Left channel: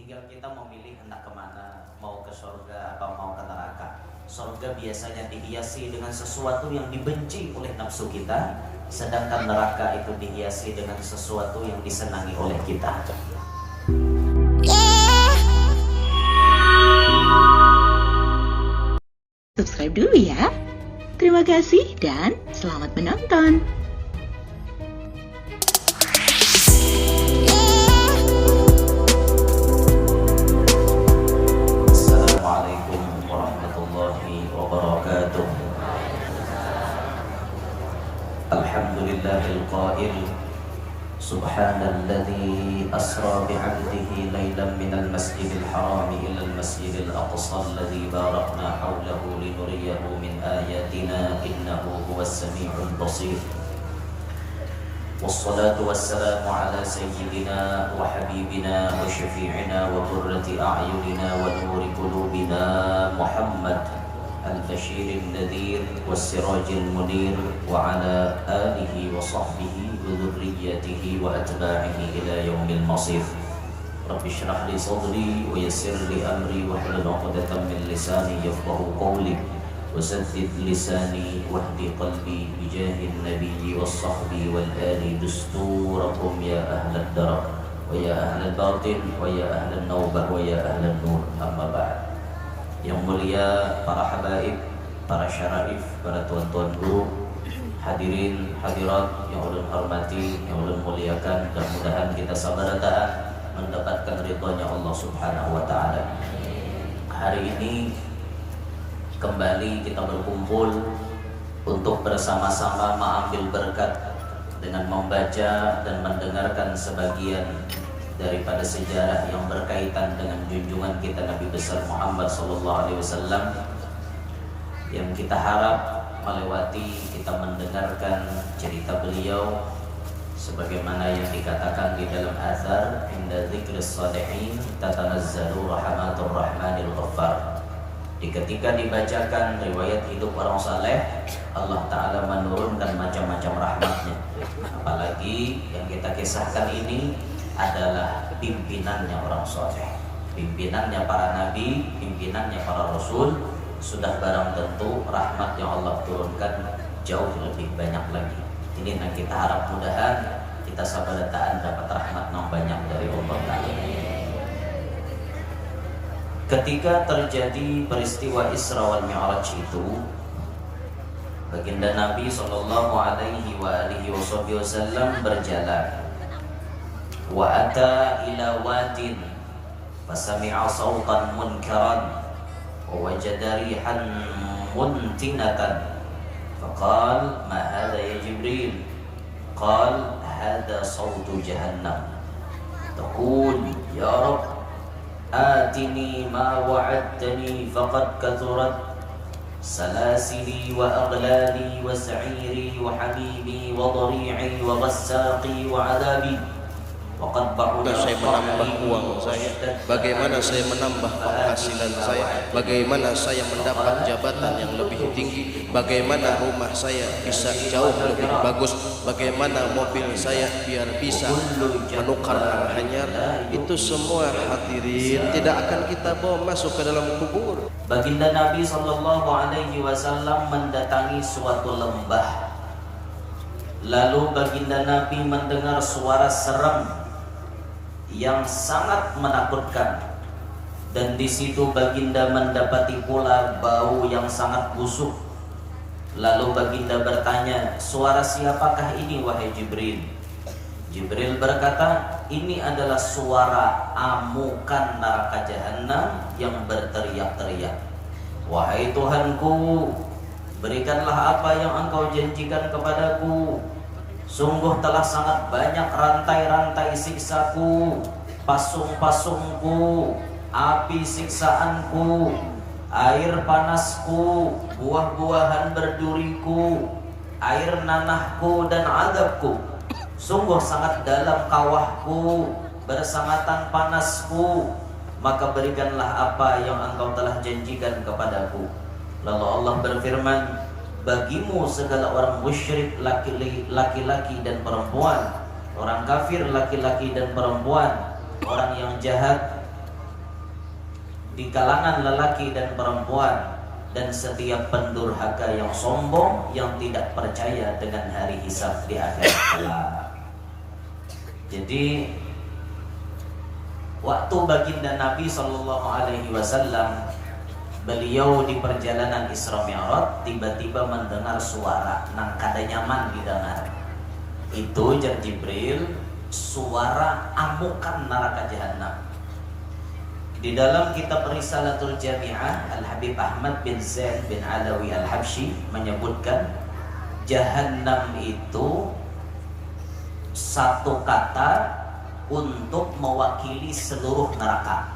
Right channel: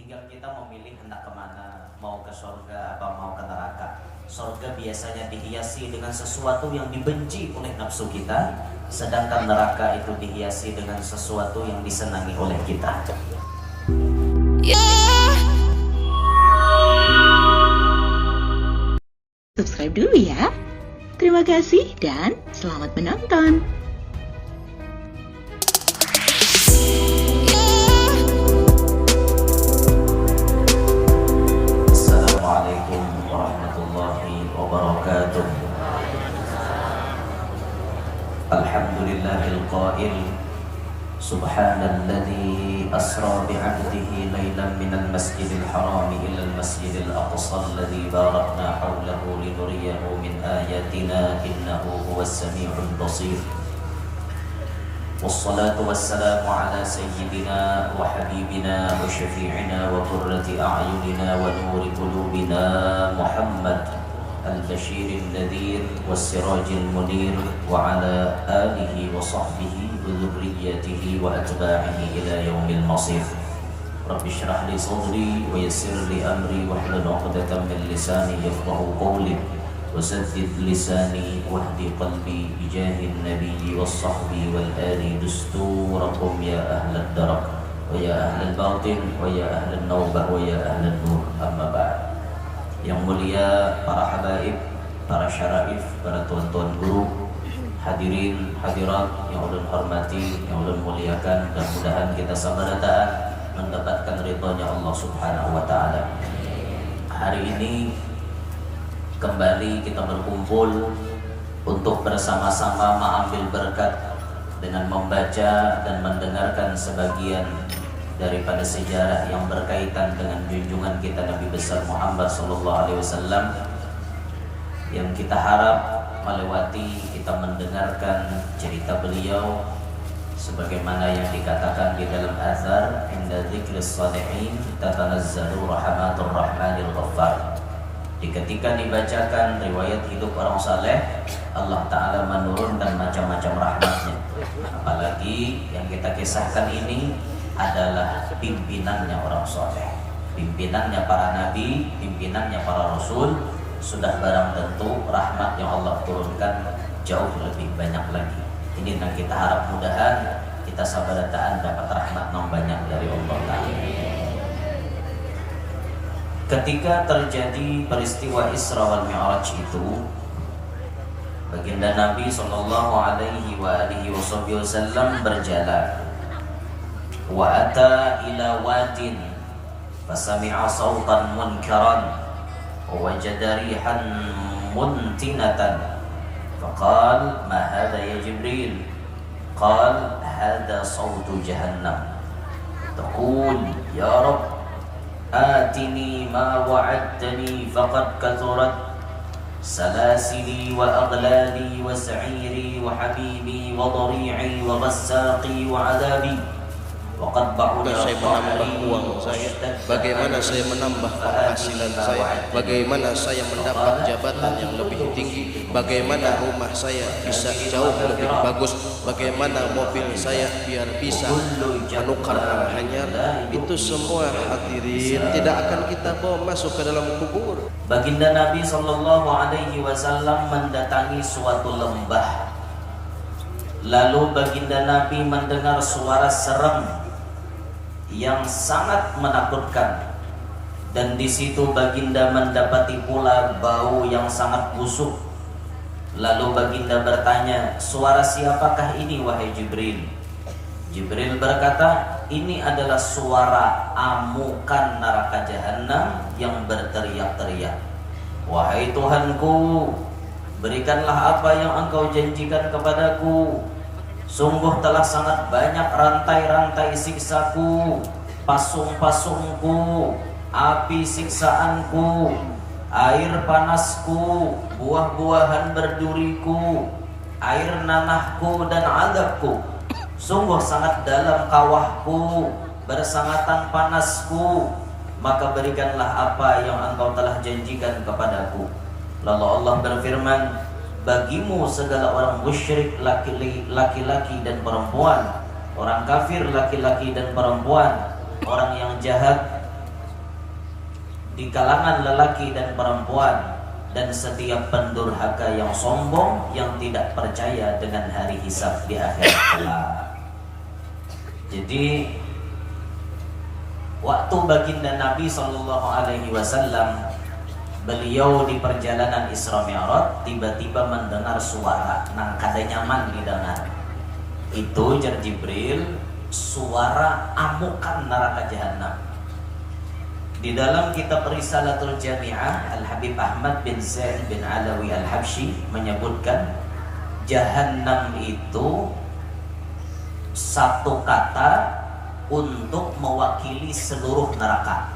Tinggal kita memilih hendak kemana, mau ke surga apa mau ke neraka. Surga biasanya dihiasi dengan sesuatu yang dibenci oleh nafsu kita, sedangkan neraka itu dihiasi dengan sesuatu yang disenangi oleh kita. Subscribe dulu ya. Terima kasih dan selamat menonton. Assalamualaikum warahmatullahi wabarakatuh. Alhamdulillahil qail Subhanalladzi asra bi'abdihi laylan minal masjidil harami ilal masjidil aqsa alladzi barakna hawlahu linuriyahu min ayatina innahu huwas sami'ul basir. Wassalatu wassalamu ala sayyidina wa habibina wa syafi'ina wa qurrati a'yunina wa nuri qulubina Muhammad al-bashiril nadhir was-sirajil munir wa ala alihi wa sahbihi wa dhurriyyatihi wa atba'ihi ila yaumil masir. Rabbi shrah li sadri wa yassir li amri wa hlul 'uqdatam min lisani yafqahu qawli وسدد لساني واهد قلبي بجاه النبي والصحب والآل دستوركم يا أهل الدرب ويا أهل الباطن ويا أهل النوبة ويا أهل النور أما بعد. Yang mulia para habaib, para syaraif, para tuan-tuan guru, hadirin hadirat yang ulun hormati, yang ulun muliakan, dan mudahan kita sama datang mendapatkan ridhonya Allah Subhanahu wa taala. Hari ini kembali kita berkumpul untuk bersama-sama mengambil berkat dengan membaca dan mendengarkan sebagian daripada sejarah yang berkaitan dengan junjungan kita Nabi besar Muhammad SAW, yang kita harap melewati kita mendengarkan cerita beliau sebagaimana yang dikatakan di dalam azhar, inda dzikris shalihin tatanazzalu rahmatur rahmanil ghaffar. Ketika dibacakan riwayat hidup orang saleh, Allah Ta'ala menurunkan macam-macam rahmatnya. Apalagi yang kita kisahkan ini adalah pimpinannya orang saleh, pimpinannya para nabi, pimpinannya para rasul. Sudah barang tentu rahmat yang Allah turunkan jauh lebih banyak lagi. Ini yang kita harap mudahan kita sabadataan dapat rahmat yang banyak dari Allah Ta'ala. Ketika terjadi peristiwa Isra wal Mi'raj itu, baginda Nabi sallallahu alaihi wasallam berjalan. Wa ata ila wadin fasami'a sawtan munkaran wa wajada rihan muntinatan. Faqal ma hadha ya Jibril? Qal hadha sawtu jahannam. Taqul ya Rabb آتني ما وعدتني فقد كثرت سلاسلي وأغلالي وسعيري وحبيبي وضريعي وغساقي وعذابي وقد بعد. Saya menambah uang saya, bagaimana saya menambah penghasilan saya, bagaimana saya mendapat jabatan yang lebih tinggi, bagaimana rumah saya bisa jauh lebih bagus, bagaimana mobil saya biar bisa menukar hanyar. Itu semua hadirin tidak akan kita bawa masuk ke dalam kubur. Baginda Nabi sallallahu alaihi wasallam mendatangi suatu lembah. Lalu baginda Nabi mendengar suara serem yang sangat menakutkan, dan di situ baginda mendapati pula bau yang sangat busuk. Lalu baginda bertanya, suara siapakah ini wahai Jibril? Jibril berkata, ini adalah suara amukan neraka jahanam yang berteriak-teriak. Wahai Tuhanku, berikanlah apa yang engkau janjikan kepadaku. Sungguh telah sangat banyak rantai-rantai siksaku, pasung-pasungku, api siksaanku, air panasku, buah-buahan berduriku, air nanahku dan adabku. Sungguh sangat dalam kawahku, bersangatan panasku. Maka berikanlah apa yang engkau telah janjikan kepadaku. Lalu Allah berfirman, bagimu segala orang musyrik laki-laki dan perempuan, orang kafir laki-laki dan perempuan, orang yang jahat di kalangan lelaki dan perempuan, dan setiap pendurhaka yang sombong yang tidak percaya dengan hari hisab di akhirat kelak. Jadi waktu baginda Nabi SAW, beliau di perjalanan Isra Mi'raj tiba-tiba mendengar suara nang kada nyaman didengar. Itu jar Jibril, suara amukan neraka jahanam. Di dalam kitab Risalatul Jami'ah, Al-Habib Ahmad bin Zaid bin Alawi Al-Habsyi menyebutkan Jahannam itu satu kata untuk mewakili seluruh neraka.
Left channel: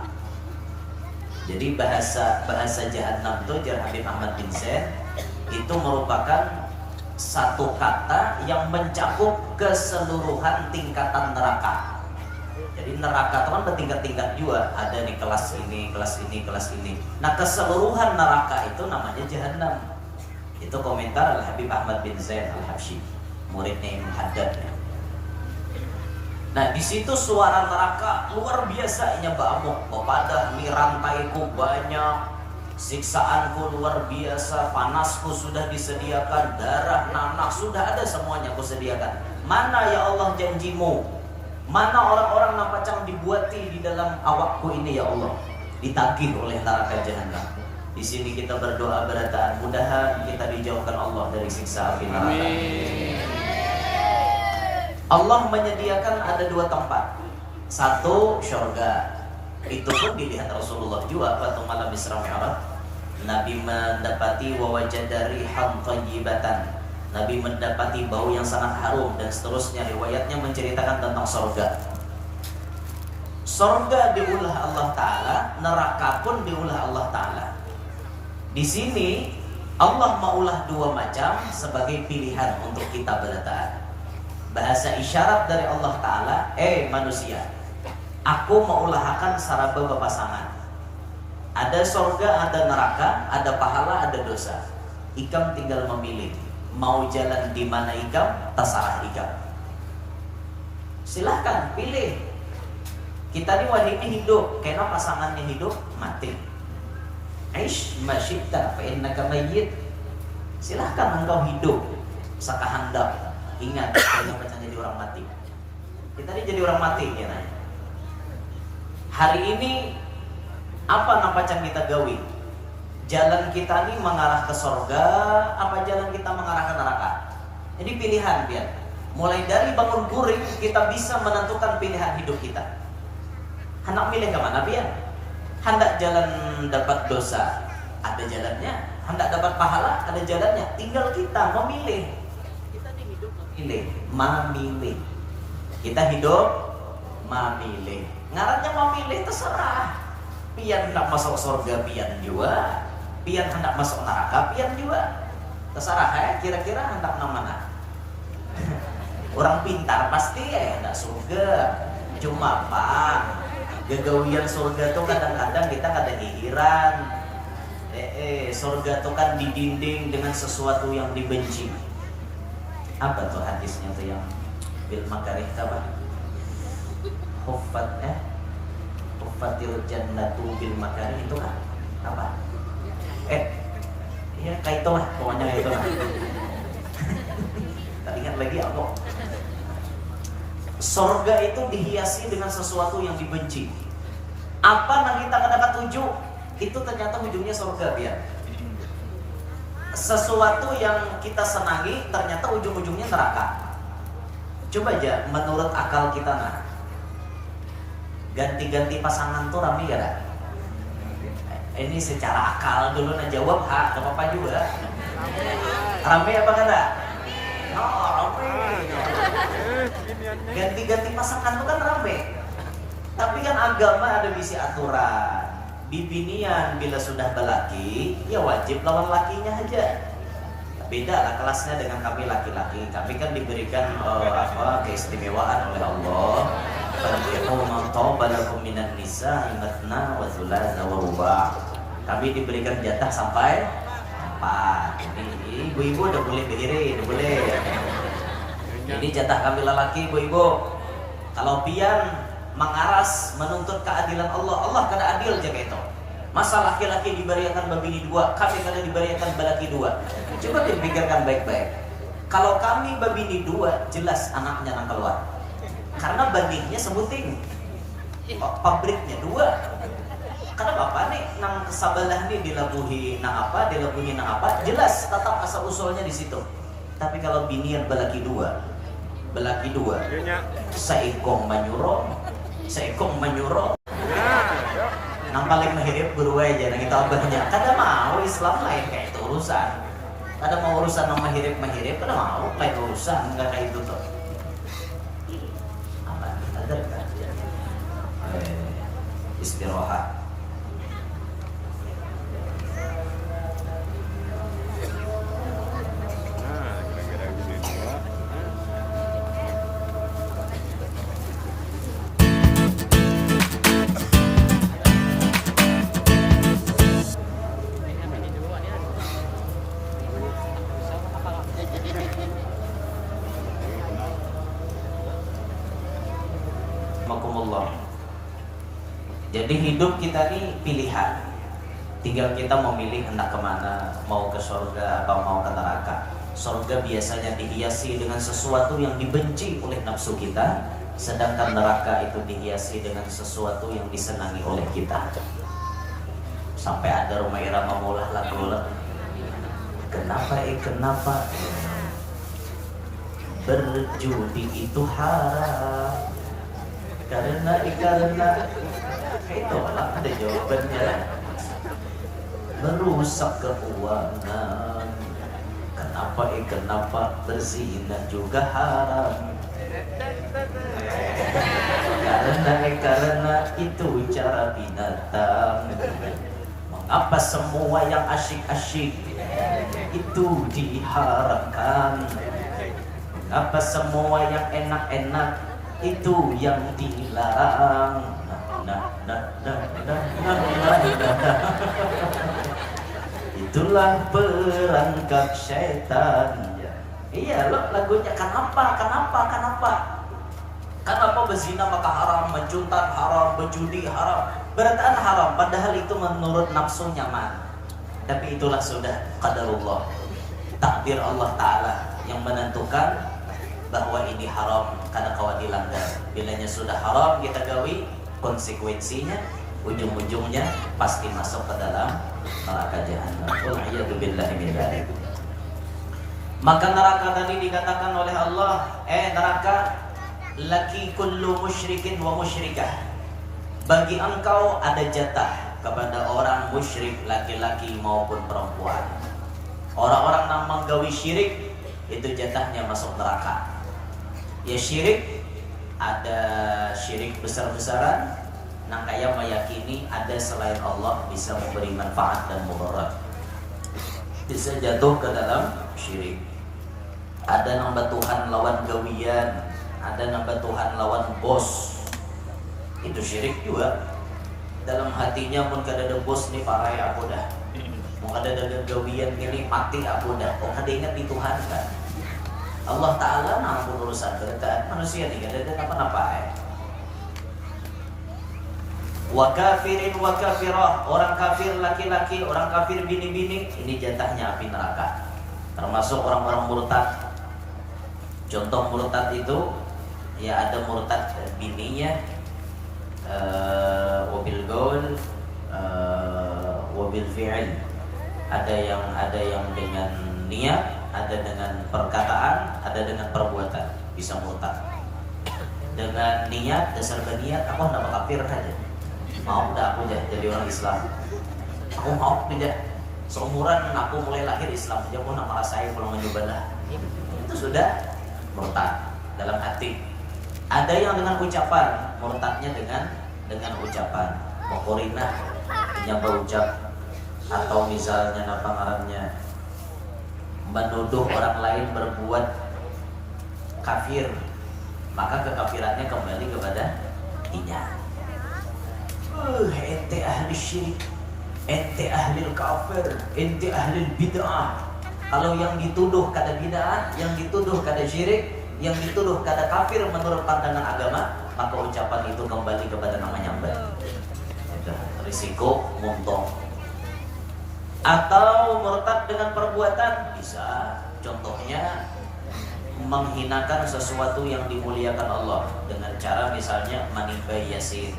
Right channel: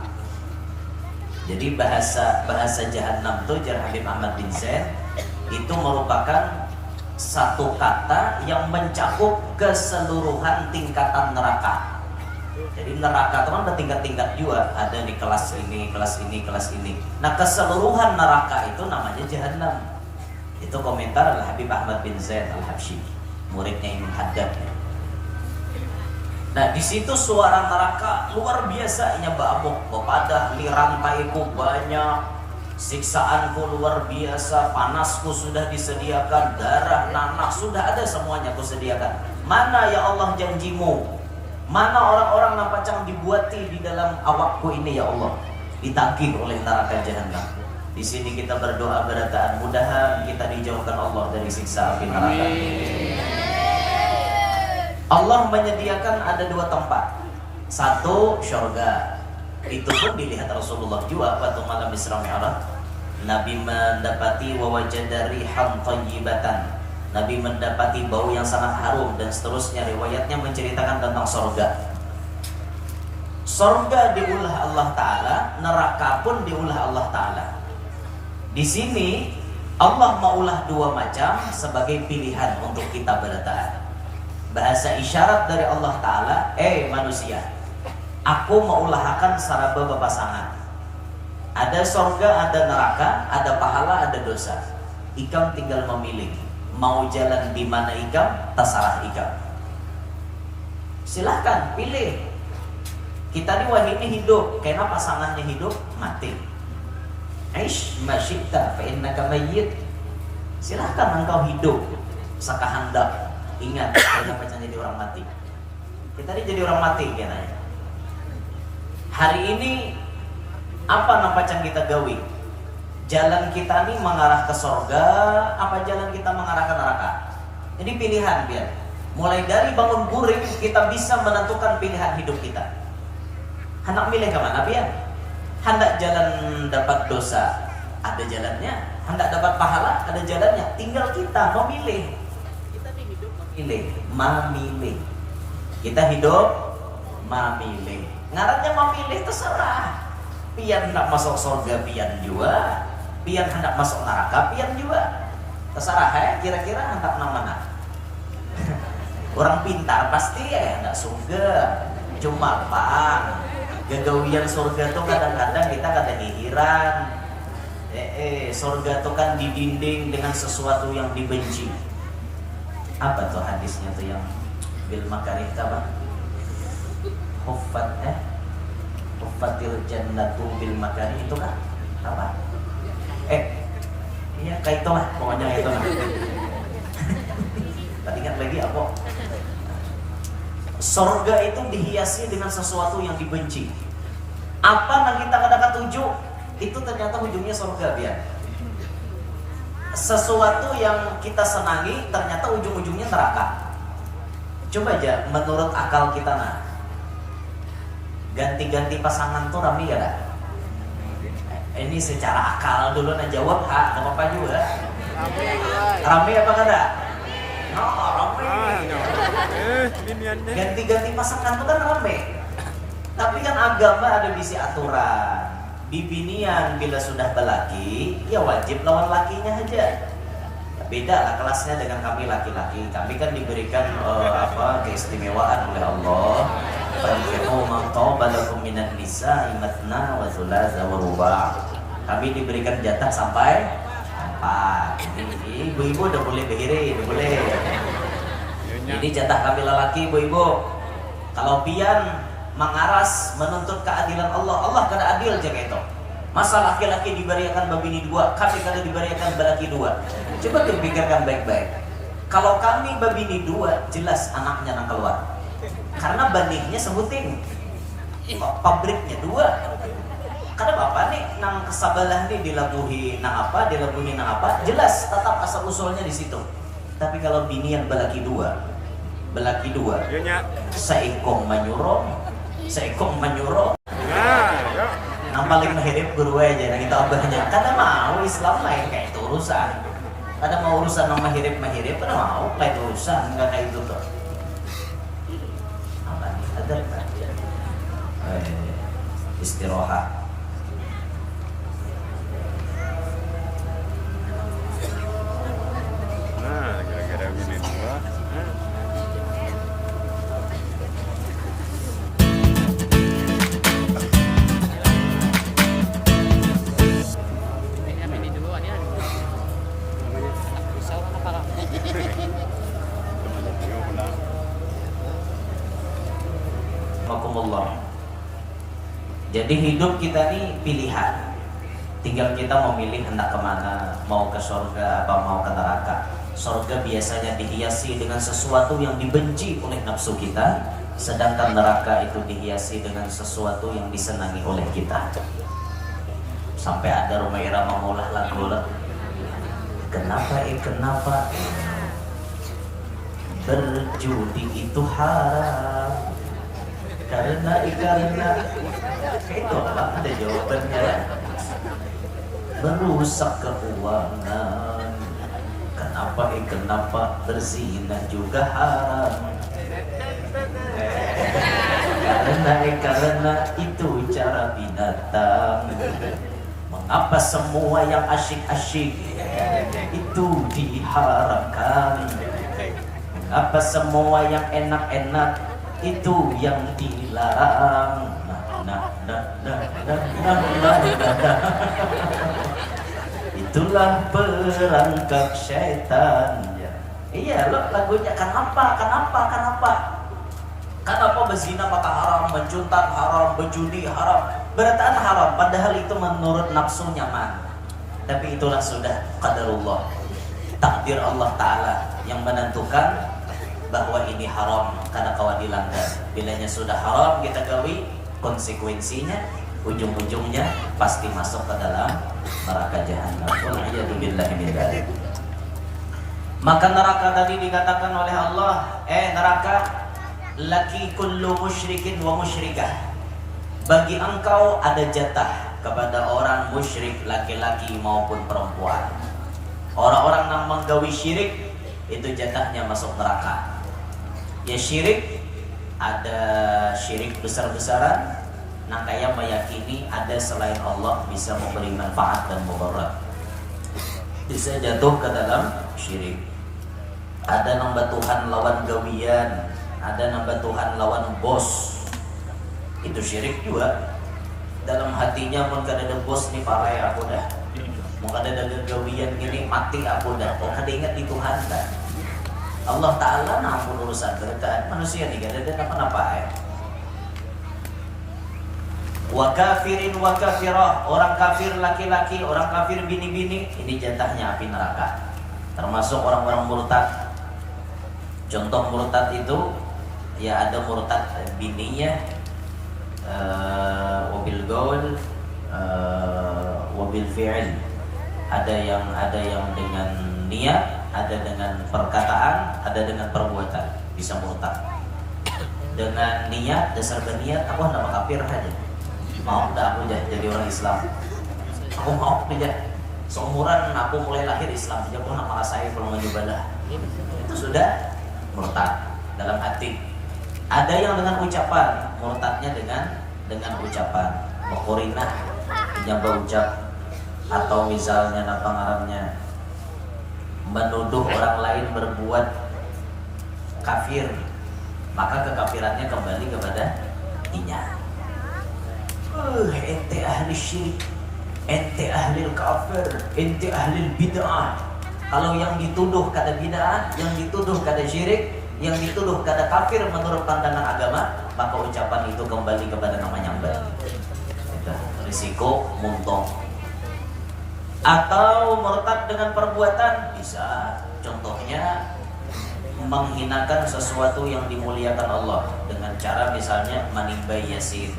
Jadi bahasa Jahannam itu, jar Habib Ahmad bin Zaid, itu merupakan satu kata yang mencakup keseluruhan tingkatan neraka. Jadi neraka itu kan bertingkat-tingkat juga, ada di kelas ini, kelas ini, kelas ini. Nah, keseluruhan neraka itu namanya Jahannam. Itu komentar Al-Habib Ahmad bin Zaid Al-Habsyi, muridnya Imam Haddad. Nah, di situ suara neraka luar biasa, nya bamuk, kepada ni rantaiku banyak, siksaanku luar biasa, panasku sudah disediakan, darah, nanah sudah ada semuanya aku sediakan. Mana ya Allah janjimu? Mana orang-orang yang pacang dibuati di dalam awakku ini ya Allah? Ditagih oleh neraka jahanam. Di sini kita berdoa berataan, mudahan kita dijauhkan Allah dari siksa api neraka. Amin. Allah menyediakan ada dua tempat. Satu, syurga. Itu pun dilihat Rasulullah juga waktu malam Isra Mi'raj. Nabi mendapati wawajada rihan thayyibatan. Nabi mendapati bau yang sangat harum, dan seterusnya riwayatnya menceritakan tentang surga. Surga diulah Allah Ta'ala, neraka pun diulah Allah Ta'ala. Di sini Allah maulah dua macam sebagai pilihan untuk kita bertaat. Bahasa isyarat dari Allah Ta'ala, manusia, aku maulahkan saraba bepasangan. Ada surga, ada neraka, ada pahala, ada dosa. Ikam tinggal memilih, mau jalan di mana ikam, terserah ikam. Silahkan pilih. Kita di wahini hidup, karena pasangannya hidup, mati. Aish masyikta fa innaka mayyit. Silahkan engkau hidup sakahandak. Ingat, saya macam jadi orang mati. Kita ini jadi orang mati ya nanya. Hari ini apa nampacang kita gawi? Jalan kita ini mengarah ke surga, apa jalan kita mengarah ke neraka? Jadi pilihan biar. Mulai dari bangun guring kita bisa menentukan pilihan hidup kita. Hendak milih ke mana biar? Hendak jalan dapat dosa, ada jalannya. Hendak dapat pahala, ada jalannya. Tinggal kita memilih. Memilih. Kita hidup memilih. Ngarannya memilih terserah. Pian hendak masuk surga pian juga, pian hendak masuk neraka pian juga. Terserah ya, kira-kira hendak mana. Orang pintar pasti ya hendak surga. Cuma apa? Gagawian surga tuh kadang-kadang kita kada hihiran. Surga tuh kan didinding dengan sesuatu yang dibenci. Apa tuh hadisnya tuh yang bil makarih apa? Huffatil jannatu bil makarih itu kan apa? Iya kayak itu lah, pokoknya itu lah. Tadi ingat lagi apa? Surga itu dihiasi dengan sesuatu yang dibenci. Apa yang kita dapat tuju? Itu ternyata ujungnya surga biar. Sesuatu yang kita senangi ternyata ujung-ujungnya neraka. Coba aja menurut akal kita ganti-ganti pasangan tuh rame gak ada? Ini secara akal dulu jawab gak apa-apa juga. Rame apa gak ada? Rame. Ganti-ganti pasangan tuh kan rame. Tapi kan agama ada bisi aturan. Bibinian bila sudah belaki, ya wajib lawan lakinya aja. Beda lah kelasnya dengan kami laki-laki. Kami kan diberikan keistimewaan oleh Allah. Kami diberikan jatah sampai 4. Ini ibu-ibu udah boleh berdiri, udah boleh. Ini jatah kami lelaki, ibu-ibu. Kalau pian mengaras menuntut keadilan Allah, Allah kada adil jaga itu. Masa laki-laki diberiakan babini dua, kami kada diberiakan balaki dua? Coba dipikirkan baik-baik. Kalau kami babini dua, jelas anaknya nang keluar. Karena banihnya sebuting, pabriknya dua. Karena bapak nih nang kesabalah nih dilabuhi nang apa, jelas tetap asal usulnya di situ. Tapi kalau binian balaki dua, seikong menyuruh. Nang paling mahirip guru aja, nang itu abahnya. Kada mau Islam lain kayak itu urusan. Kada mau urusan nang mahirip, kada mau lain urusan, enggak kayak itu tuh. Ada kan? Istirahat. Jadi hidup kita ini pilihan. Tinggal kita memilih hendak kemana, mau ke surga apa mau ke neraka. Surga biasanya dihiasi dengan sesuatu yang dibenci oleh nafsu kita, sedangkan neraka itu dihiasi dengan sesuatu yang disenangi oleh kita. Sampai ada Rhoma Irama mengolah lagu, kenapa berjudi itu haram, karena itu apa ada jawabannya, merusak keuangan. Kenapa berzina juga haram, karena itu cara binatang. Mengapa semua yang asyik-asyik itu diharamkan? Mengapa semua yang enak-enak itu yang dilarang? Itulah perangkap setan. Iya loh lagunya. Kenapa berzina maka haram, mencuntan haram, berjudi haram, berarti haram, padahal itu menurut nafsu nyaman. Tapi itulah sudah qadarullah, takdir Allah Ta'ala yang menentukan bahwa ini haram karena kawan dilanggar. Bilanya sudah haram kita gawi, konsekuensinya ujung-ujungnya pasti masuk ke dalam neraka jahanam. Wal'iyatubillahi min dzalik. Maka neraka tadi dikatakan oleh Allah, neraka laki kullu musyrikin wa musyrikah. Bagi engkau ada jatah kepada orang musyrik laki-laki maupun perempuan. Orang-orang yang menggawi syirik itu jatahnya masuk neraka. Ya syirik, ada syirik besar-besaran. Nah kayak meyakini ada selain Allah bisa memberi manfaat dan mudarat, bisa jatuh ke dalam syirik. Ada nambah Tuhan lawan gawian, ada nambah Tuhan lawan bos, itu syirik juga. Dalam hatinya pun kada ada bos nih pakai aku dah, mau kada ada gawian gini mati aku dah. Kok kada ingat di Tuhan kan? Allah Ta'ala mampu urusan berkat manusia nih kada ada apa-apa. Wa kafirin wa kafirah, orang kafir laki-laki, orang kafir bini-bini, ini jatahnya api neraka. Termasuk orang-orang murtad. Contoh murtad itu ya ada murtad bininya wabil gaul wabil fi'il. Ada yang dengan niat, ada dengan perkataan, ada dengan perbuatan, bisa murtad. Dengan niat, dasar berniat aku hendak kafir aja. Mau dah aku jadi orang Islam. Aku mau tidak. Seumuran aku mulai lahir Islam, tidak pun nama saya kalau mencobalah. Itu sudah murtad dalam hati. Ada yang dengan ucapan, murtadnya dengan ucapan. Mokorinah, menyapa ucap, atau misalnya apa ngarannya, menuduh orang lain berbuat kafir, maka kekafirannya kembali kepada dirinya. Ente ahli syirik, ente ahli kafir, ente ahli bid'ah. Kalau yang dituduh kada bid'ah, yang dituduh kada syirik, yang dituduh kada kafir menurut pandangan agama, maka ucapan itu kembali kepada namanya nyambat. Sudah risiko muntung. Atau murtad dengan perbuatan bisa, contohnya menghinakan sesuatu yang dimuliakan Allah dengan cara misalnya menimba yasin.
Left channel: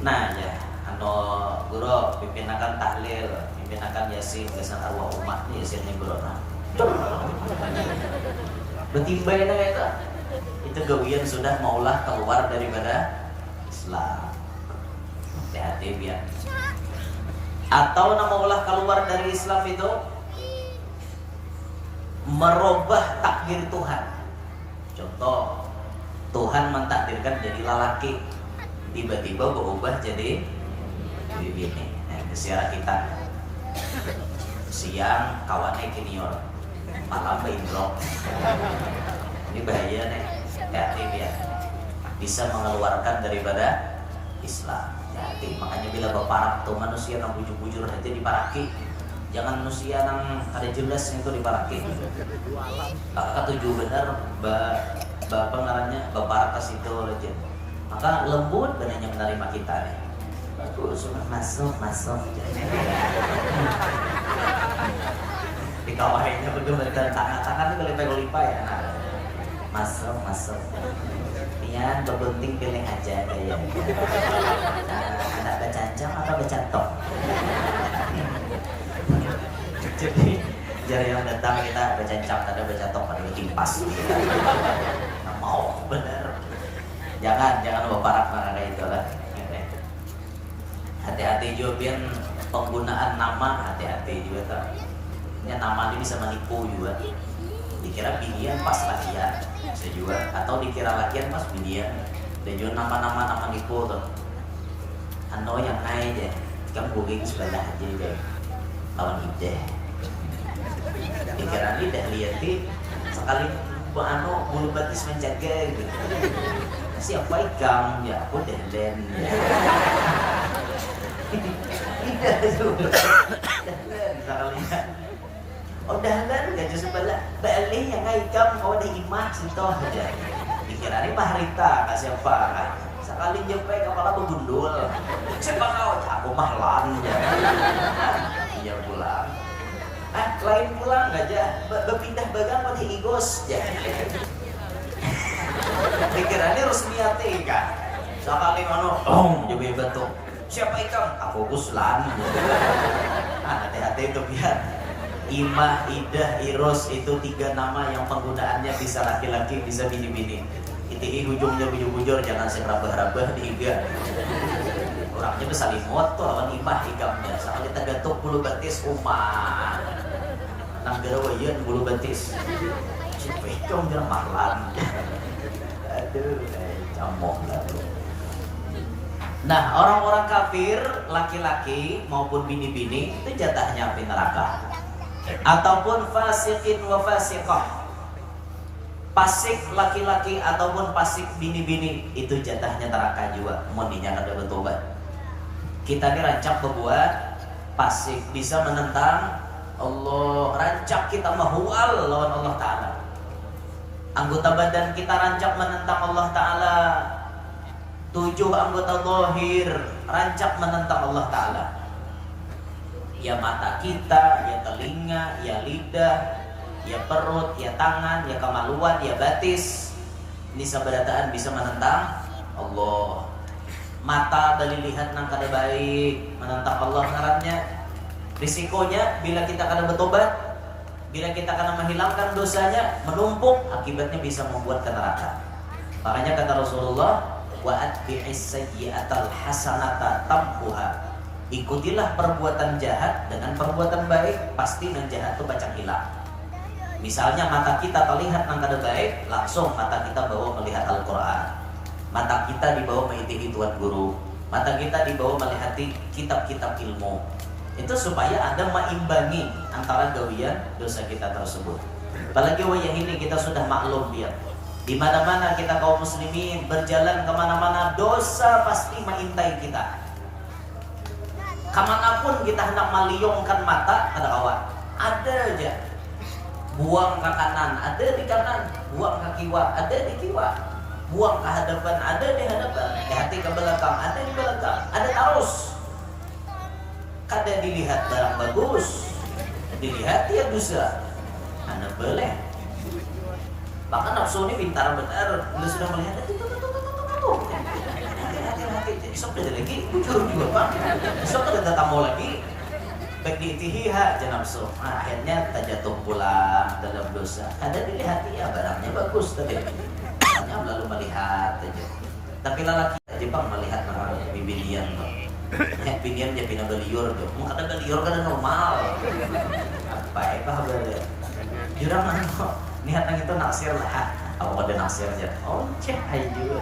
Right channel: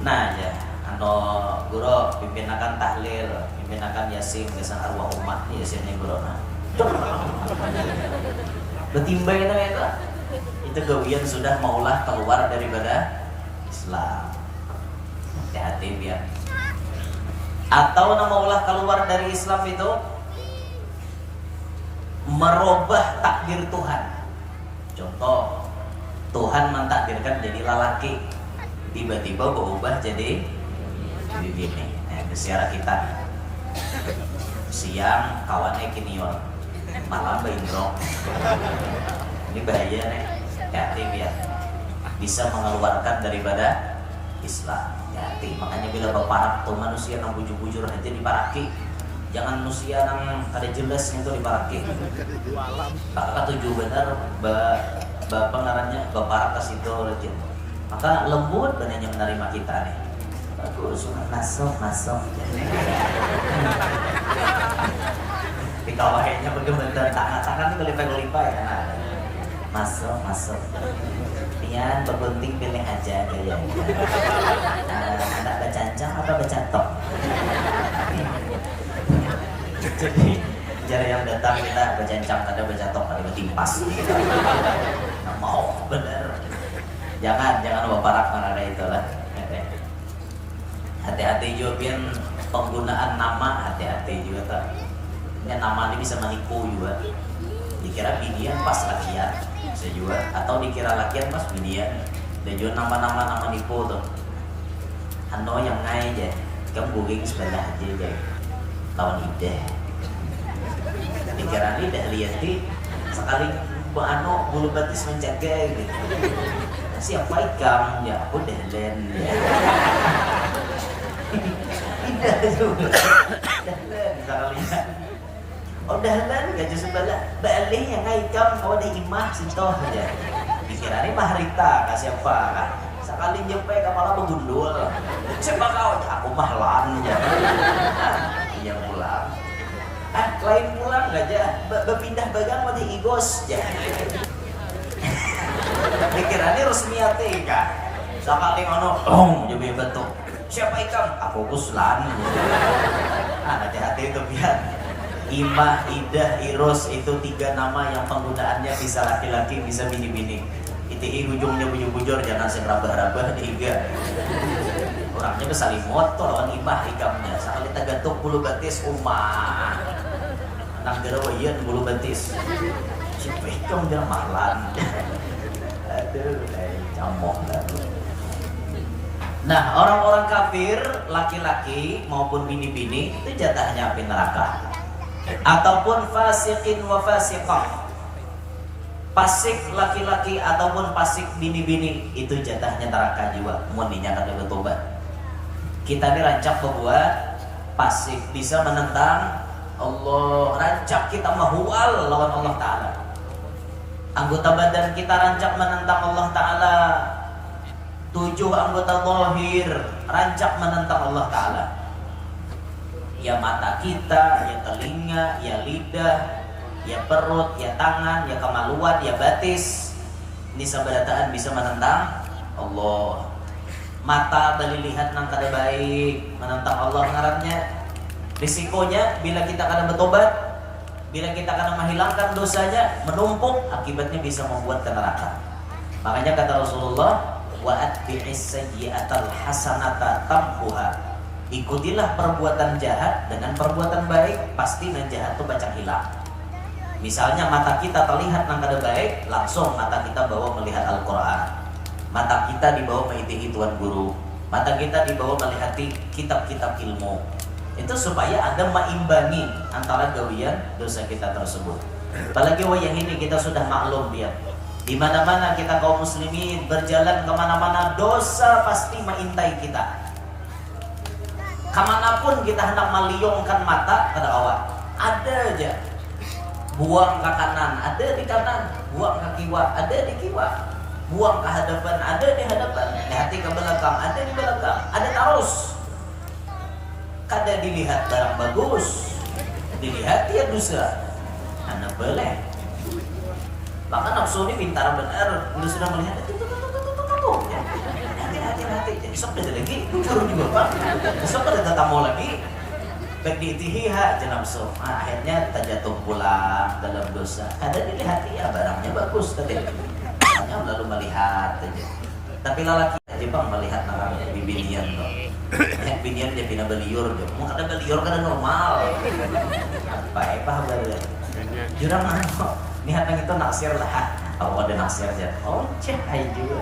Nah ya, guru pimpinakan tahlil, pimpinakan yasin kesan arwah umat nih yasin nih guru. Nah, betimbay na itu gawian sudah maulah keluar daripada Islam. Hati-hati biar. Atau maulah keluar dari Islam itu merubah takdir Tuhan. Contoh, Tuhan mentakdirkan jadi lelaki, tiba-tiba berubah jadi bini. Nah, besiara kita siang kawannya kinior, malam baingrok. Ini bahaya nih, hati ya, bisa mengeluarkan daripada Islam. Hati, makanya bila baparak tuh manusia yang bujur-bujur aja diparaki. Jangan manusia yang kada jelas itu diparaki. Maka tujuh benar bapak ngarannya bapak kas itu aja. Maka lembut benarnya menerima kita nih. Bagus, masuk. Di kawahnya bener-bener tangan itu lipa ya. Nah, masuk. Pian bergunting pilih aja gaya. Anak bercancang apa bercatok? Jadi jari yang datang kita bercancang, ada bercatok, ada bertimpas. Nggak mau bener. Jangan baparak mana itu lah. Hati-hati juga pian penggunaan nama, hati-hati juga kan. Ini nama ini bisa menipu juga. Dikira binian pas lakian, bisa juga. Atau dikira lakian pas binian. Dan juga nama nipu tuh. Ano yang ngai aja, kamu booking sebelah aja deh. Lawan ide. Dikira ini dah lihat sekali bulu batis menjaga gitu. Siapa ikam? Ya aku dahlen. Tidak juga. Dahlen sekali. Oh dahlen gak justru bala balik yang ikam kau ada imah sintoh aja. Dikira ini mahrita kasih apa kan? Sekali nyampe kepala begundul. Siapa kau? Aku mahlan ya. Iya pulang. Lain pulang gak aja. Berpindah bagan pada igos ya. Dikira ini resmiate kan? Sekali mana? Jadi betul. Siapa ikan? Aku kuslan. Hati-hati itu biar. Imah, Idah, Iros itu 3 nama yang penggunaannya bisa laki-laki, bisa bini-bini. Iti ujungnya bujur-bujur, jangan serabah-rabah diiga. Orangnya kesalimot tuh lawan Imah ikamnya. Sekali tagatuk bulu batis umah. Nang gerawayan bulu batis. Siapa ikam jangan mahlan. Aduh, camok dah. Nah, orang-orang kafir, laki-laki maupun bini-bini itu jatahnya api neraka. Ataupun fasikin wa fasiqah. Pasik laki-laki ataupun pasik bini-bini itu jatahnya neraka juga. Mohonnya kada bertobat. Kita ini rancak berbuat pasik bisa menentang Allah, rancak kita mahual lawan Allah Ta'ala. Anggota badan kita rancak menentang Allah Ta'ala. 7 anggota zahir rancak menentang Allah Ta'ala. Ya mata kita, ya telinga, ya lidah, ya perut, ya tangan, ya kemaluan, ya batis. Ini sabarataan bisa menentang Allah. Mata dari lihat nang kada baik, menentang Allah ngarannya. Risikonya bila kita kada bertobat, bila kita kada menghilangkan dosanya, menumpuk, akibatnya bisa membuat ke neraka. Makanya kata Rasulullah, wa atbi'is sayyi'atal hasanata tamhuha. Ikutilah perbuatan jahat dengan perbuatan baik, pasti yang jahat itu baca hilang. Misalnya mata kita terlihat nang kada baik, langsung mata kita bawa melihat Al-Qur'an. Mata kita dibawa mengikuti Tuan Guru. Mata kita dibawa melihat kitab-kitab ilmu. Itu supaya Anda meimbangi antara gawian dosa kita tersebut. Apalagi wayang ini kita sudah maklum biar di mana-mana kita kaum muslimin berjalan kemana-mana, dosa pasti mengintai kita. Kemanapun kita hendak meliungkan mata kada kawan, ada aja buang ke kanan, ada di kanan, buang ke kiwa, ada di kiwa. buang ke hadapan, ada di hadapan, di hati ke belakang, ada di belakang, ada terus. Kada dilihat barang bagus, dilihat ya dosa. Anak boleh. Bahkan nafsu ini pintar benar, lu sudah melihat itu. Hati-hati, jadi sok ada lagi, turun juga pak. Sok ada datang mau lagi. Baik diitihiha jenafsu. Akhirnya terjatuh pulang dalam dosa. Kada dilihat ya barangnya bagus tadi. Hanya lalu melihat aja. Tapi lalaki aja bang melihat nama bibilian bang. Bibilian dia pindah beliur dia. Mau kada beliur kada normal. Baik pak berarti. Jurang apa? Niat yang itu naksir lah. Kalau ada naksir aja. Oh cek aja.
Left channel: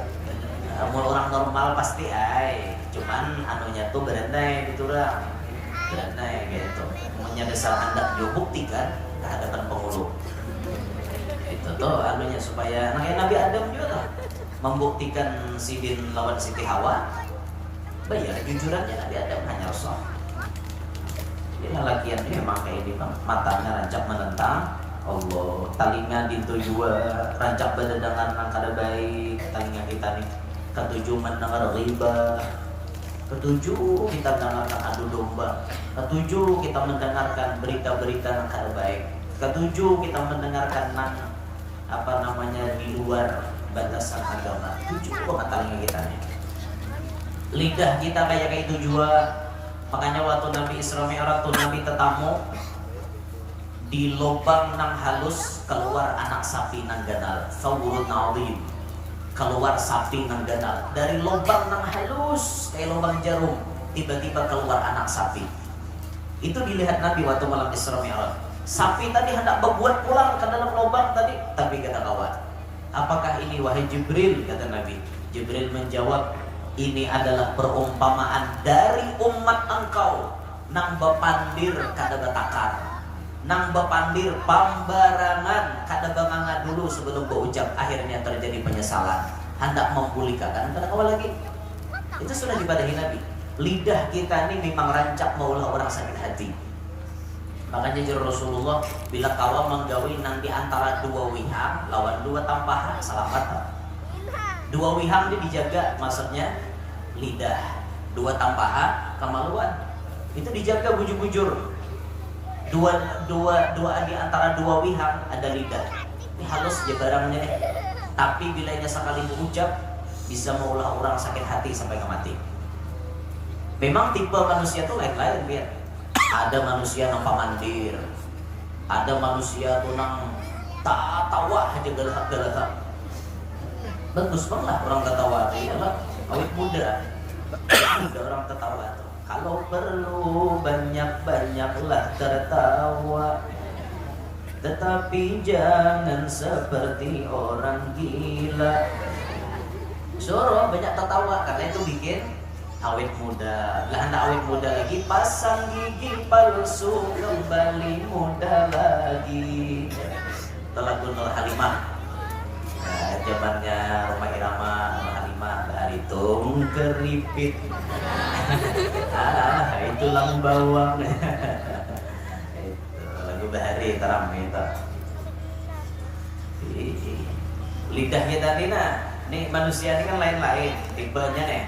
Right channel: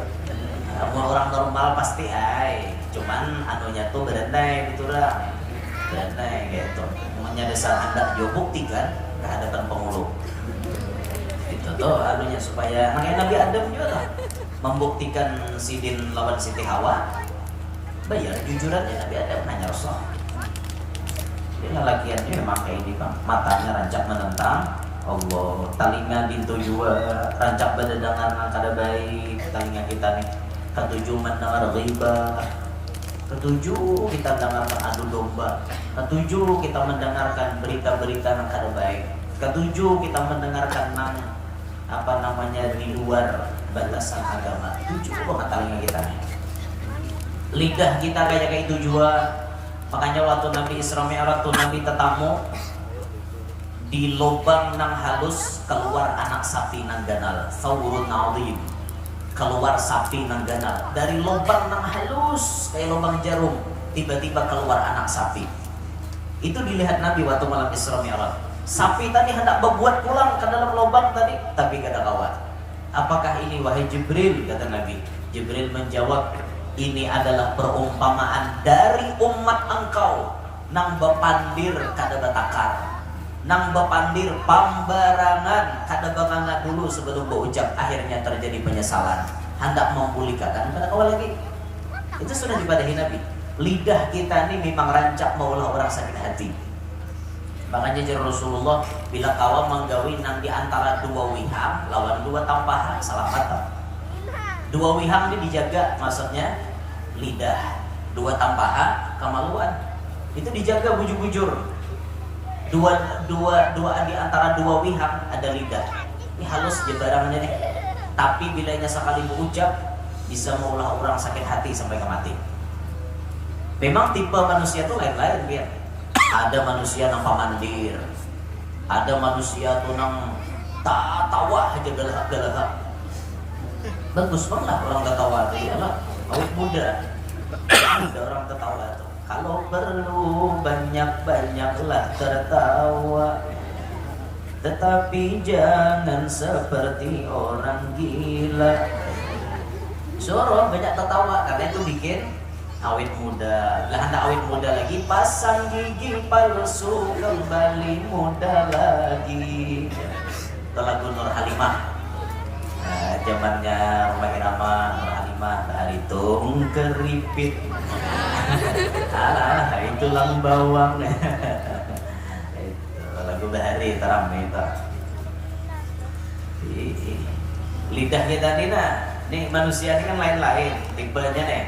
Mau orang normal pasti ay. Cuman anunya tuh berendai gitu lah. Berendai gitu. Maunya dasar anda juga buktikan ke hadapan pengulu. Itu tuh anunya supaya Nabi Adam juga tuh membuktikan Sidin lawan Siti Hawa. Bayar jujurannya Nabi Adam hanya Rasul. Dia lelakian ini memang kayak ini bang. Matanya rancak menentang Allah, talinga dintu jua rancak berdengar kada baik talinga kita nih. Ketujuh mendengar riba, ketujuh kita mendengarkan adu domba, ketujuh kita mendengarkan berita-berita yang kada baik, ketujuh kita mendengarkan apa namanya di luar batasan agama. Tujuh banget talinga kita nih. Lidah kita kayak itu jua. Makanya waktu Nabi Isra Mi'raj tuh Nabi tetamu di lubang nang halus keluar anak sapi nang ganal, sawurun na'udhim, keluar sapi nang ganal dari lubang nang halus kayak lubang jarum, tiba-tiba keluar anak sapi. Itu dilihat Nabi waktu malam Isra Mi'raj. Sapi tadi hendak berbuat pulang ke dalam lubang tadi, tapi kata kawan, apakah ini wahai Jibril? Kata Nabi. Jibril menjawab, ini adalah perumpamaan dari umat engkau nang bepandir kada betakar, nang bepandir pambarangan kada banganga dulu sebelum berucap, akhirnya terjadi penyesalan, hendak memulihkan kada kawal lagi. Itu sudah dipadahi Nabi. Lidah kita ini memang rancak maulah orang sakit hati. Makanya jadi Rasulullah bila kawa menggawi nang di antara dua wihang lawan dua tampahan salah kata. Dua wihang ini dijaga, maksudnya lidah. Dua tampahan kemaluan itu dijaga bujur-bujur. Dua di antara dua wihang ada lidah. Ini halus je barangnya nih. Tapi bilanya sekali mengucap bisa maulah orang sakit hati sampai ke mati. Memang tipe manusia tuh lain-lain biar. Ada manusia nang pamandir, ada manusia tuh nang tak tawa aja galak-galak. Bagus banget orang ketawa dia lah, awet muda. Ada orang ketawa tuh. Kalau perlu banyak-banyaklah tertawa, tetapi jangan seperti orang gila. Suruh banyak tertawa karena itu bikin awet muda. Lah anda awet muda lagi, pasang gigi palsu kembali muda lagi. Itu lagu Nur Halimah. Nah, zamannya Roma Irama, Nur Halimah, Taritung keripit. Alah, itu lam bawang. Itu lagu Bahari teram itu. Lidah kita nih manusia ini kan lain-lain, tipenya nih.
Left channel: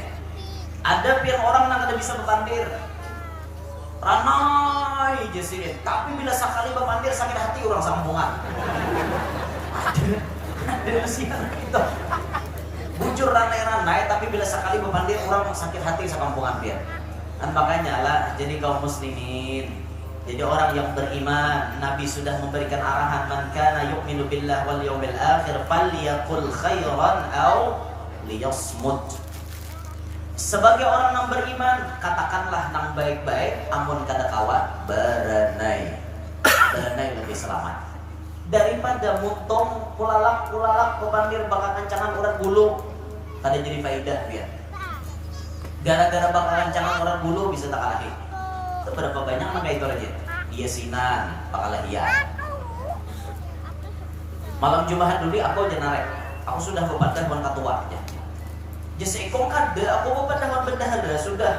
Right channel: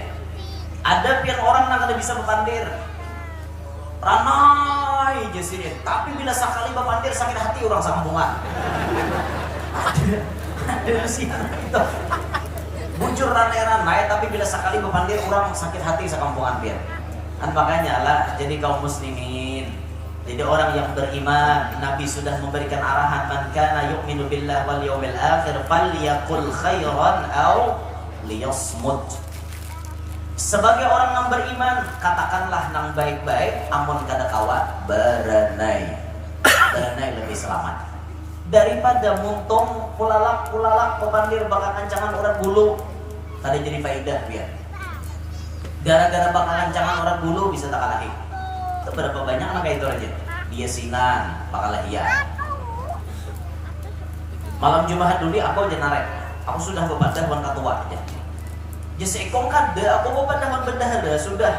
Ada yang orang yang kada bisa berpandir, ramai jasir. Tapi bila sekali berpandir sakit hati orang sambungan. Ada manusia itu muncul ranai-ranai, tapi bila sekali berpandir orang sakit hati sekampungan dia. Dan makanya lah, jadi kaum muslimin, jadi orang yang beriman, Nabi sudah memberikan arahan, man kana yu'minu billah wal yawmil akhir falyaqul khairan aw liyasmut. Sebagai orang yang beriman, katakanlah nang baik-baik, amun kada kawa berenai. Berenai lebih selamat daripada muntung pulalak pepandir bakal kancangan orang bulu. Kada jadi faidah biar. Gara-gara bakal kancangan orang bulu bisa tak kalahi. Itu berapa banyak anak kayak itu aja. Dia sinan, bakal hian. Malam Jumat dulu aku aja narik. Aku sudah kepada bukan ketua aja. Jadi ekong kada, aku bapak dengan bendahara sudah.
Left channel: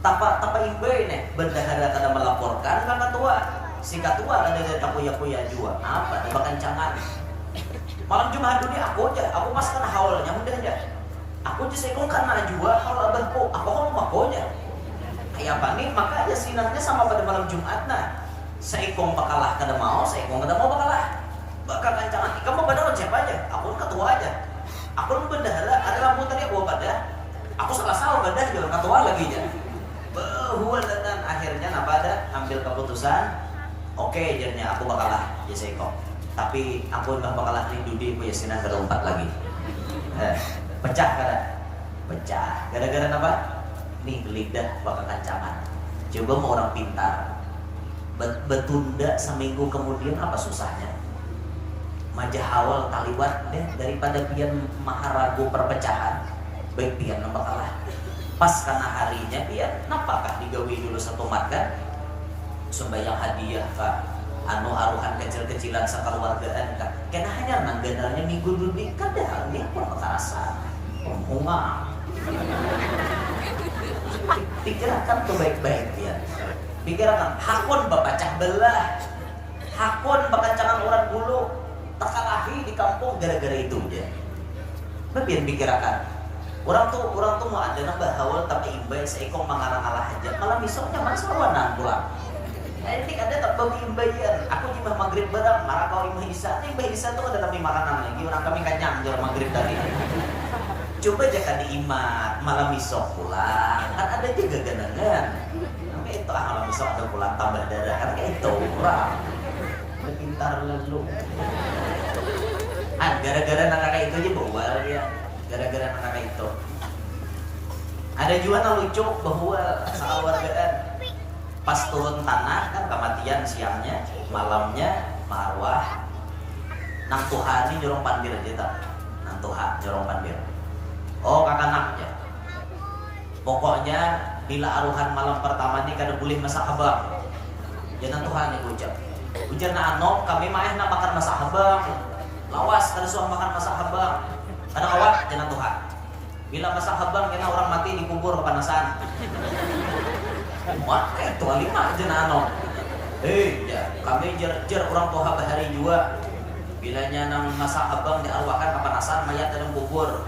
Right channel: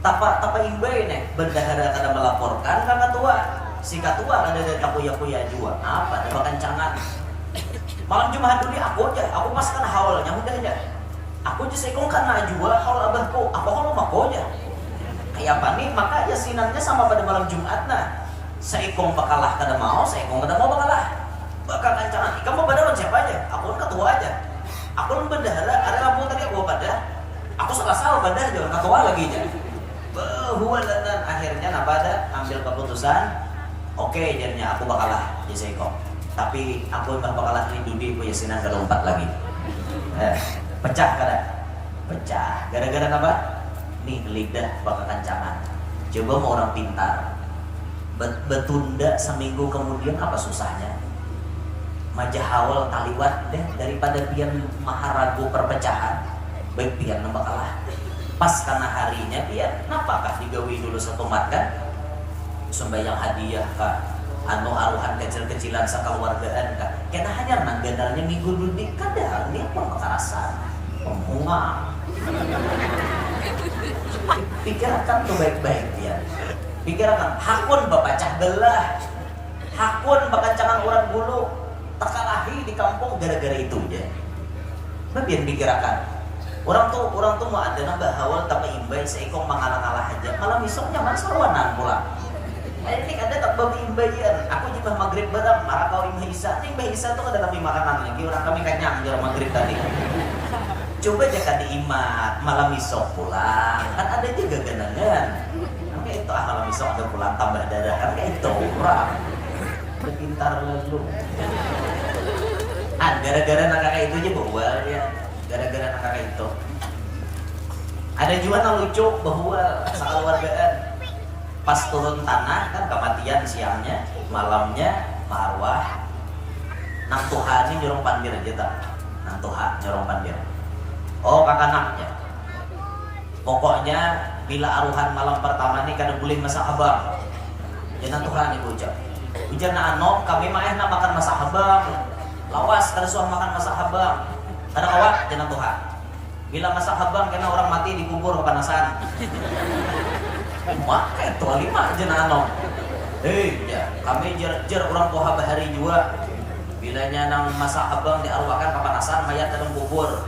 Tapa imbai nih, bendahara kada melaporkan kan ketua. Si ketua ada dari kapuya-puya juga. Apa? Ada kancangan. Malam Jumat dulu aku aja, aku pas kena hawalnya udah aja. Aku aja sekong karena jua kalau abahku, aku kalau mako aja. Kayak apa nih? Maka yasinannya sama pada malam Jumat nah. Seikong bakalah kada mau, seikong kada mau bakalah. Bakal kancangan. Ika mau pada siapa aja? Aku ketua aja. Aku bendahara, ada rambut tadi aku pada. Aku salah pada jangan ketua lagi aja. Bahwa dan akhirnya apa ada ambil keputusan. Oke, jadinya aku bakalah jadi seikong. Tapi aku bakalah rindu di yasinan kada lompat lagi. Pecah kada? Pecah. Gara-gara apa? Nih lidah bakal kancangan. Coba mau orang pintar betunda seminggu kemudian apa susahnya? Majahawal taliwat deh daripada pian maharagu perpecahan. Baik pian nambah kalah. Pas karena harinya pian napakah digawi dulu satu makan sembayang hadiah kak anu aruhan kecil-kecilan sakaluargaan kak kena hanya nangganalnya minggu dulu nih kadang dia pemekasan pembuang. Pikirkan tuh baik-baik ya. Pikirkan hakun bapacah belah, hakun bakancangan orang bulu, tekalahi di kampung gara-gara itu dia. Bagian pikirkan. Orang tuh mau ada nambah hawal tapi imbai seikong mengalah-alah aja. Malah misalnya mana sarwanan pulang. Ini ada tak bagi imbayan. Aku juga maghrib badam, marah kau imbai isa. Ini imbai isa tuh ada kami makanan lagi. Orang kami kanyang jalan maghrib tadi. Coba jaka diimat malam isok pulang kan ada juga ganangan kayak itu malam isok ada pulang tambah darah kan kayak itu orang udah pintar lalu gara-gara nakaka itu aja bahwa ya gara-gara nakaka itu ada juga yang lucu bahwa sakeluargaan pas turun tanah kan kematian siangnya malamnya marwah nang Tuhan ini nyurung pandir aja tak nang Tuhan nyurung pandir. Oh kakanaknya. Pokoknya bila aruhan malam pertama ini kada boleh masak abang. Jangan Tuhan yang ucap. Ujar na anok kami main na makan masak abang. Lawas kada suah makan masak abang. Kada kawak jangan Tuhan. Bila masak abang kena orang mati dikubur kepanasan. Mak itu lima jangan anok. Ya kami jer orang Tuhan bahari juga. Bilanya nang masak abang diarwahkan kepanasan mayat dalam kubur.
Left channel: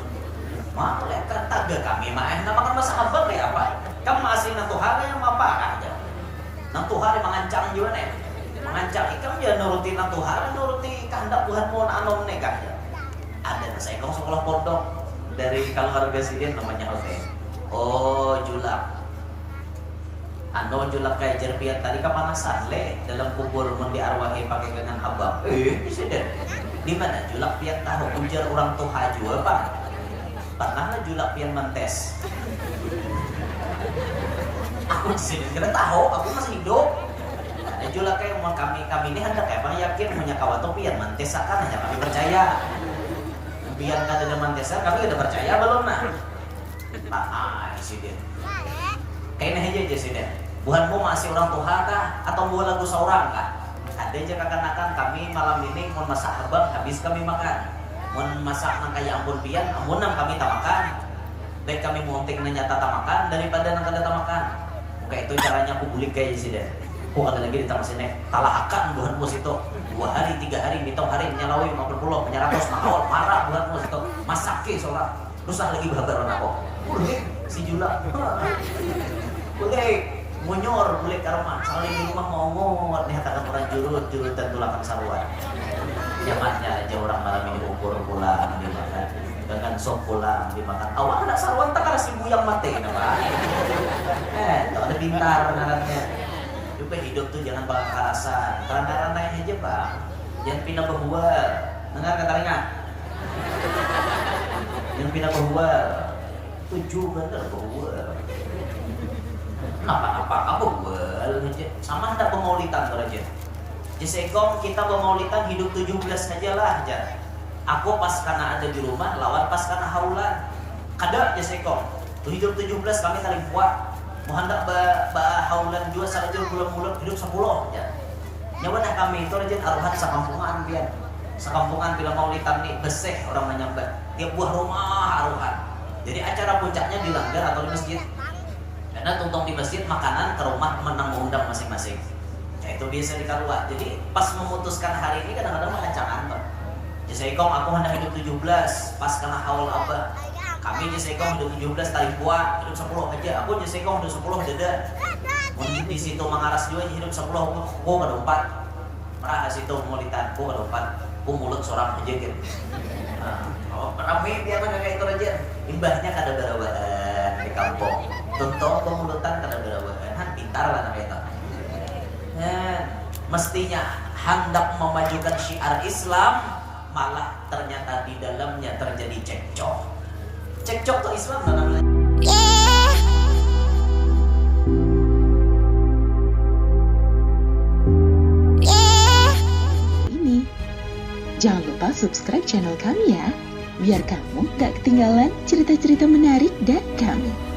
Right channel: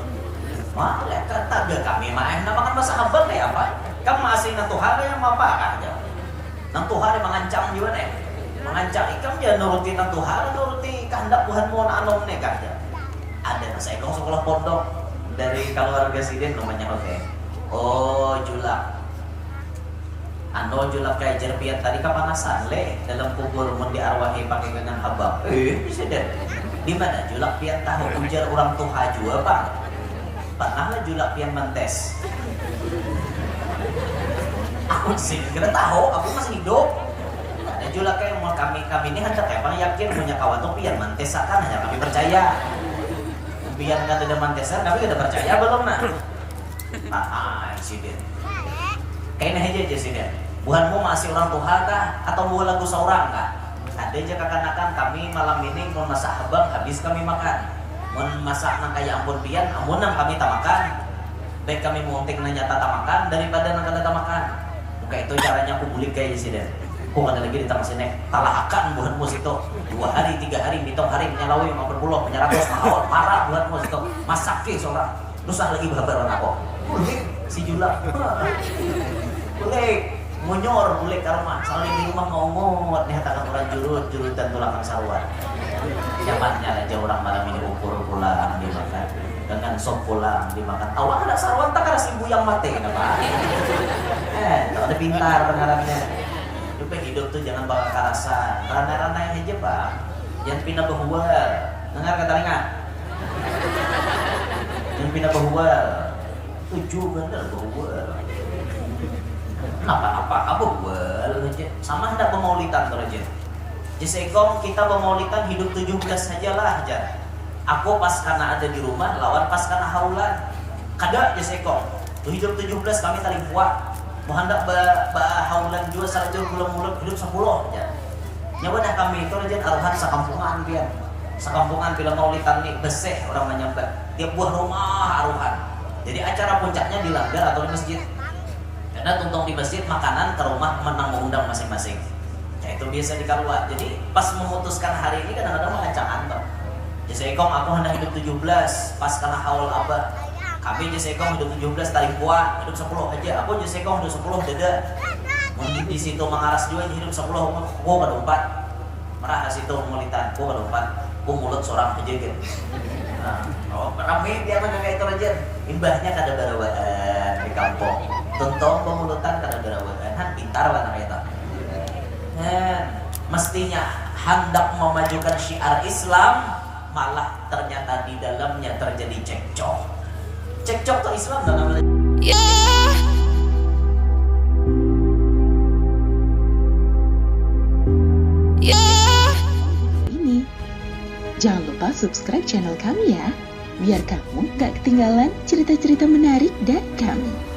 Malaikat taga kami main na makan masak abang kayak apa? Kamu masih nang Tuhan yang apa aja? Nang Tuhan yang mengancam juga nih, mengancam ikan dia nuruti nang Tuhan, nuruti kehendak Tuhan mau anom nih kan? Ada saya kong sekolah pondok dari keluarga sidin namanya oke. Oh julak, ando julak kayak jerpiat tadi kepanasan le dalam kubur mau diarwahi pakai dengan habang. Bisa deh. Di mana julak piat tahu ujar orang Tuhan juga pak? Tanahnya julak pian mentes. Aku sih kira tahu, aku masih hidup. Ada julak kayak mau kami ini hendak emang yakin punya kawan tuh pian mentes akan hanya kami percaya. Pian nggak ada mantesan, kami udah percaya belum nah? Sih dia. Kayaknya aja sih dia. Buhanmu masih orang Tuhan kah? Atau buah lagu seorang kah? Ada aja kakak-kakak kami malam ini mau masak habang habis kami makan. Mau masak nang kaya ampun pian, ampunan kami tak makan. Baik kami muntik nanya tak makan daripada nang kada tak makan. Oke itu caranya aku bulik kayak sih deh. Kok ada lagi ditambah sini talahakan buhan mus itu 2 hari 3 hari mitong hari menyalawi 50 menyeratus mahal parah buhan mus itu masake seorang. Terus lagi babar orang aku. Boleh si Jula. Boleh monyor boleh karma. Soalnya di rumah mau ngot nih katakan orang jurut dan tulakan sarwan. Zamannya aja orang malam ini ukur pulang dimakan dengan sop pulang dimakan. Awak ada sarwan tak ada ibu yang mati apa? Ada pintar caranya. Lupa hidup tuh jangan bakal kalasan. Randa-randain aja bang. Jangan pindah behual. Dengar kata dengar. Jangan pindah behual. Tujuh bener behual. Apa behual aja. Sama hendak pemaulitan kalau aja. Di Sekong kita memaulikan hidup 17 sajalah aja. Aku pas karena ada di rumah lawan pas karena haulan. Kada di Sekong. Hidup 17 kami kali buat. Mau hendak haulan juga saja mulut hidup 10 aja. Nyawa dah kami itu aja aruhan sakampungan pian. Sakampungan bila maulitan nih beseh orang menyambat. Tiap buah rumah aruhan. Jadi acara puncaknya di langgar atau di masjid. Karena tuntung di masjid makanan ke rumah menang mengundang masing-masing. Ya, itu biasa di keluar. Jadi pas memutuskan hari ini kadang-kadang mengancam antar. Jasekong aku hendak hidup 17 pas karena haul abah. Kami Jasekong hidup 17 tarik buah hidup 10 aja. Aku Jasekong hidup 10 dada. Mungkin di situ mengaras juga hidup 10 aku kedompat. Merah situ mulitan aku kedompat. Aku mulut sorak aja gitu. Nah, rame dia kan kayak itu aja. Imbahnya kada barawaan di kampung. Tuntong pemulutan kada barawaan. Han pintar lah namanya itu. Nah, mestinya hendak memajukan syiar Islam, malah ternyata di dalamnya terjadi cekcok. Cekcok tuh Islam nggak namanya. Ini. Jangan lupa subscribe channel kami ya, biar kamu gak ketinggalan cerita-cerita menarik dari kami.